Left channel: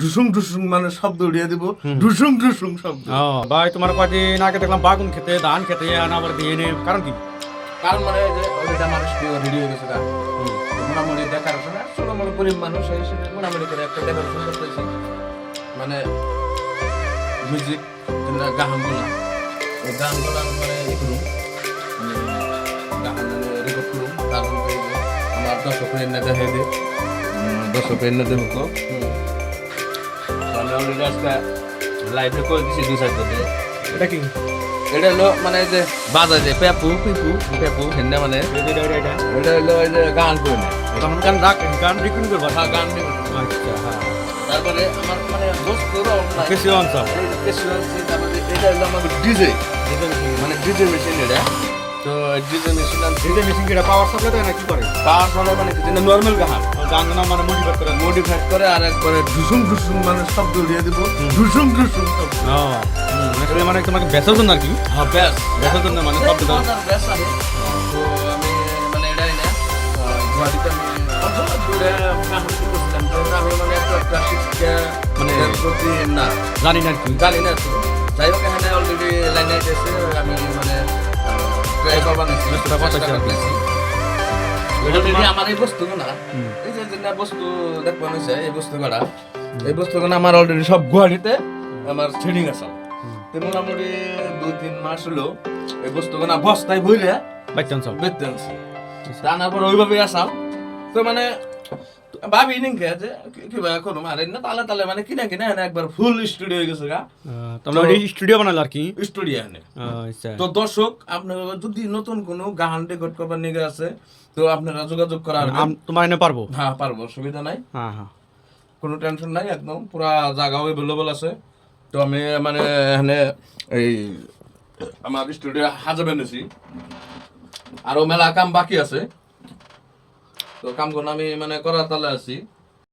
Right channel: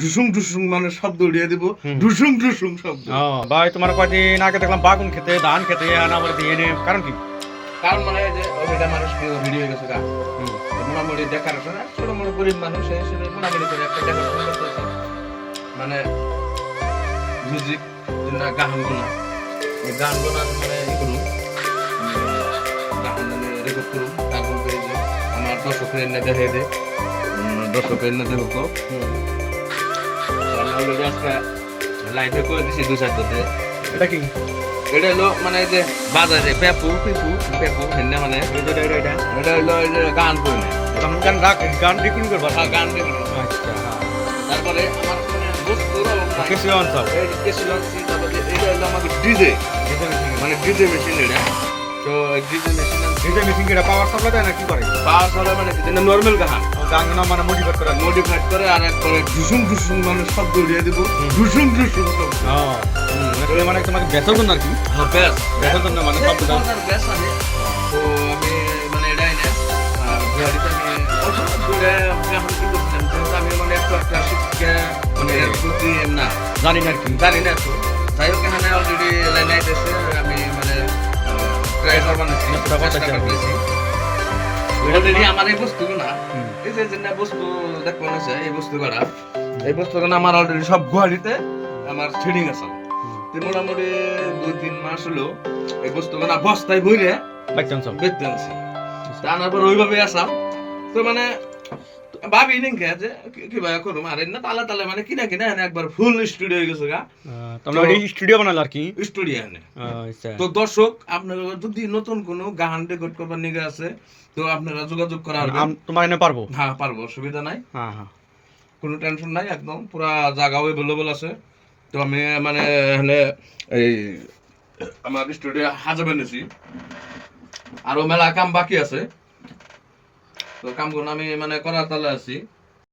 ঢুসুং ঢুসুং মানে শব্দ উড়িয়ে দিব। ঢুসুং ঢুসুং শব্দ। ভাই তোমার কয়দিন আগে দেখলাম বাগুন খেতে ধান খেতে না বলে দিয়ে নে কারণ কি? কারণ মানে যে ওইটা মানুষ রেডি হয়ে গেছে গা। মোটামুটি ডেকারেশন আর ছোট মোটো গরিব মানুষ হিসেবে মোটামুটি করে একটা ডেকারেশন করতেছি। মানে মিউজিক যেটা গানগুলো এই গানগুলো মানে ই করুন গান রেকর্ড করুন তারপর আমার দর্শকের এনে দেখে দে। দর্শকের এনে দেখো আমি অলরেডি আজকে লাইভে করে দিছি দু সাইড করতে এটা কি? এটা হলো মানে যে বাজারে পেপু পিপু পেপু হিন্দা মানে। এটা হলো যে গান করে তখন গান রাখ গান রেকর্ডিং করবা হ্যাঁ গান আচ্ছা হ্যাঁ। তারপরে আমার মানে বস্তু কিছু অঞ্চল এই যে কিছু তারপরে এটা হলো আমাদের ডিজে। মানে ডিজে মেশিন এটা। তো ডিজে মেশিন ডিজে মিটিং এটা পাওয়ার সাপ্লাই দেয় না কি করে? পাওয়ার ফলে মানে নর্মাল গান গান না মানে মোটিভেট করে। মডিফাইড করে আর একবারে ঢুসুং ঢুসুং মানে শব্দ উড়িয়ে দিব। ঢুসুং ঢুসুং শব্দ আসলে মানে তোমাকে বেতন জন্য আর কি? হ্যাঁ ব্যাস বেতন জন্য মানে শব্দ গান ব্যাস আছে তো আমি মানে এটাই না। ঘড়িতে আমি অল্প দূরে গান কি করছিলাম আমি মানে একটা মানে প্রতি না। জানি না কি। জানি না তো যাই হোক এখানে অলরেডি লাইন আইতেছে আমি মানে ট্রাই করবার। অলরেডি আমার এই বস্তু না এই যে যে বস্তু দেখবেন আছে এই বস্তু করা এই বস্তু আমার অলরেডি সব গুয়াহাটিতে আমার ছেডিং আছে। তো মোটামুটি দুই তিন মাস হলো এই বস্তু না বস্তায় বইরে বাইক চান্স বেচতে আনছি। আনার পর ওইভাবে আসাম। তো মানে ভাবি যে কি- কিবা করুম আর না তালে তালে মানে কিনা কিনা এনে একবার ফুল স্টুডিও হয়ে গেছে গা। ওই স্টুডিও বানালো আর কি? স্টুডিও এনে। আচ্ছা। তো দর্শক আপনার যদি নতুন কোনো গান রেকর্ড করবার নিগে আছে তো আপনারা যোগাযোগ করা তোমার এনে পারব? হ্যাঁ পারব অসুবিধা নাই। হ্যাঁ হ্যাঁ। কোনো টেনশন নাই একদম পুরা জায়গাও অ্যাভেলেবল আছে। তো আমি মানে এখানে এই আমার স্টুডিও হাজাবে নিছি আরও মেলা কাম বাকি আছে। তো কামগুলো আমি মানে করার তালে আছি।